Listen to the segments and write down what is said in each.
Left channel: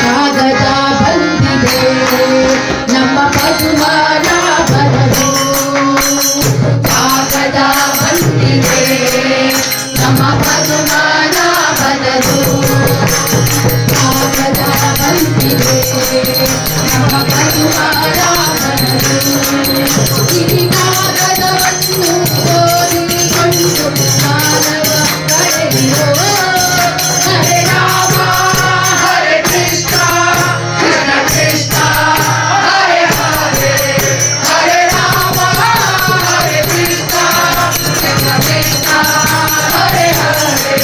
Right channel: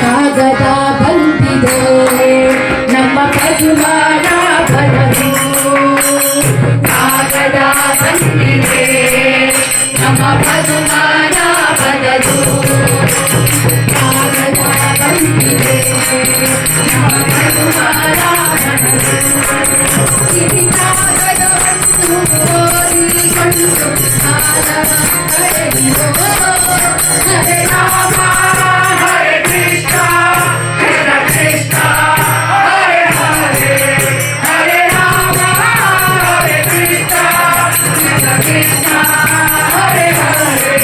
ಕಾಗದ ಬಂದಿದೆ ನಮ್ಮ ಪದುಮಾನ ಬರಲು, ಕಾಗದ ಬಂದಿದೆ ನಮ್ಮ ಪದುಮಾನ ಬರಲು, ಕಾಗದ ಬಂದಿದೆ ನಮ್ಮ ಪದುಮಾನ ಬರಲು. ಈ ಕಾಗದವನ್ನು ಓದಿಕೊಂಡು ಮಾನವ ಕಳೆದಿರೋ ಹರೇ ರಾಮ ಹರೇ ಕೃಷ್ಣ ಕೃಷ್ಣ ಕೃಷ್ಣ ಹರೇ ಹರೇ, ಹರೇ ರಾಮ ಹರೇ ಕೃಷ್ಣ ಕೃಷ್ಣ ಕೃಷ್ಣ ಹರೇ ಹರೇ.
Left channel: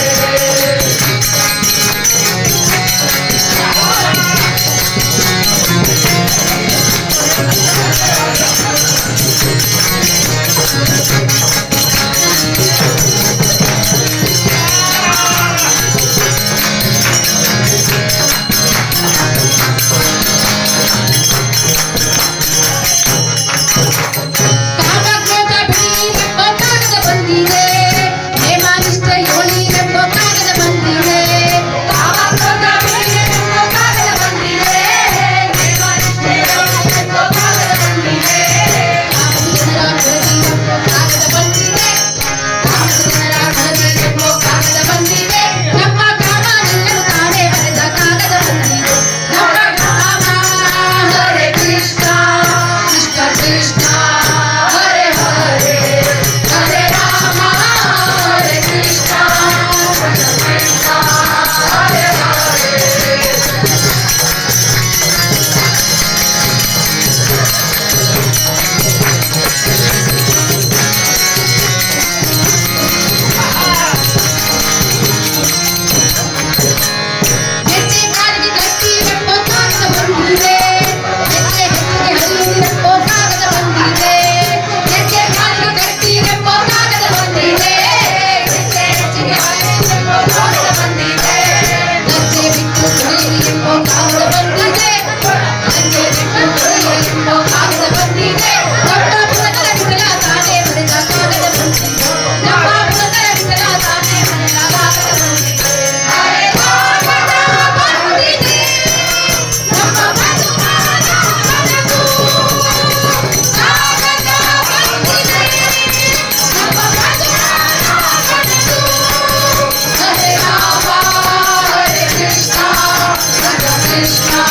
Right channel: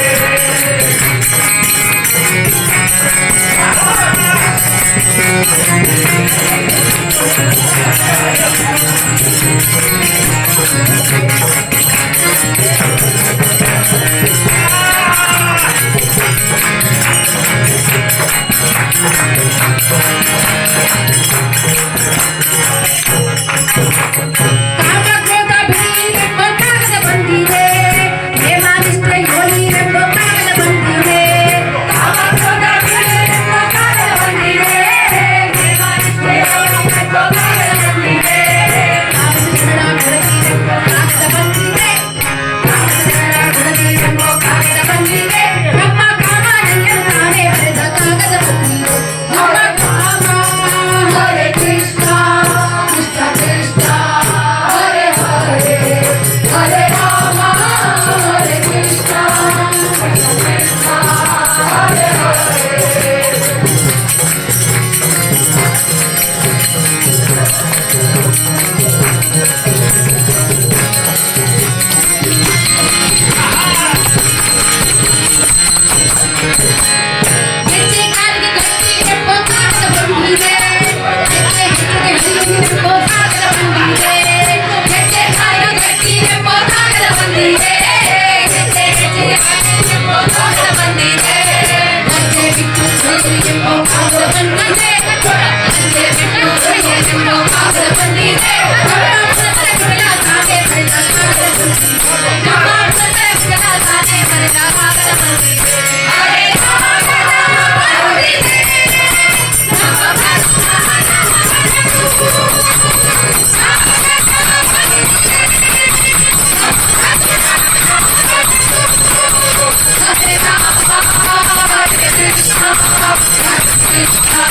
Krishna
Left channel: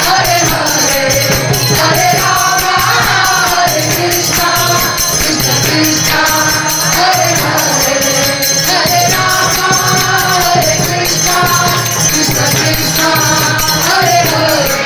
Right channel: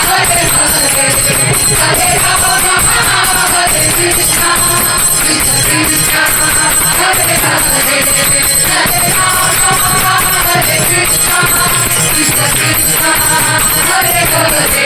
Hare Hare, Hare Rama Hare Krishna, Krishna Krishna Hare Hare, Hare Rama Hare Krishna, Krishna Krishna Hare Hare.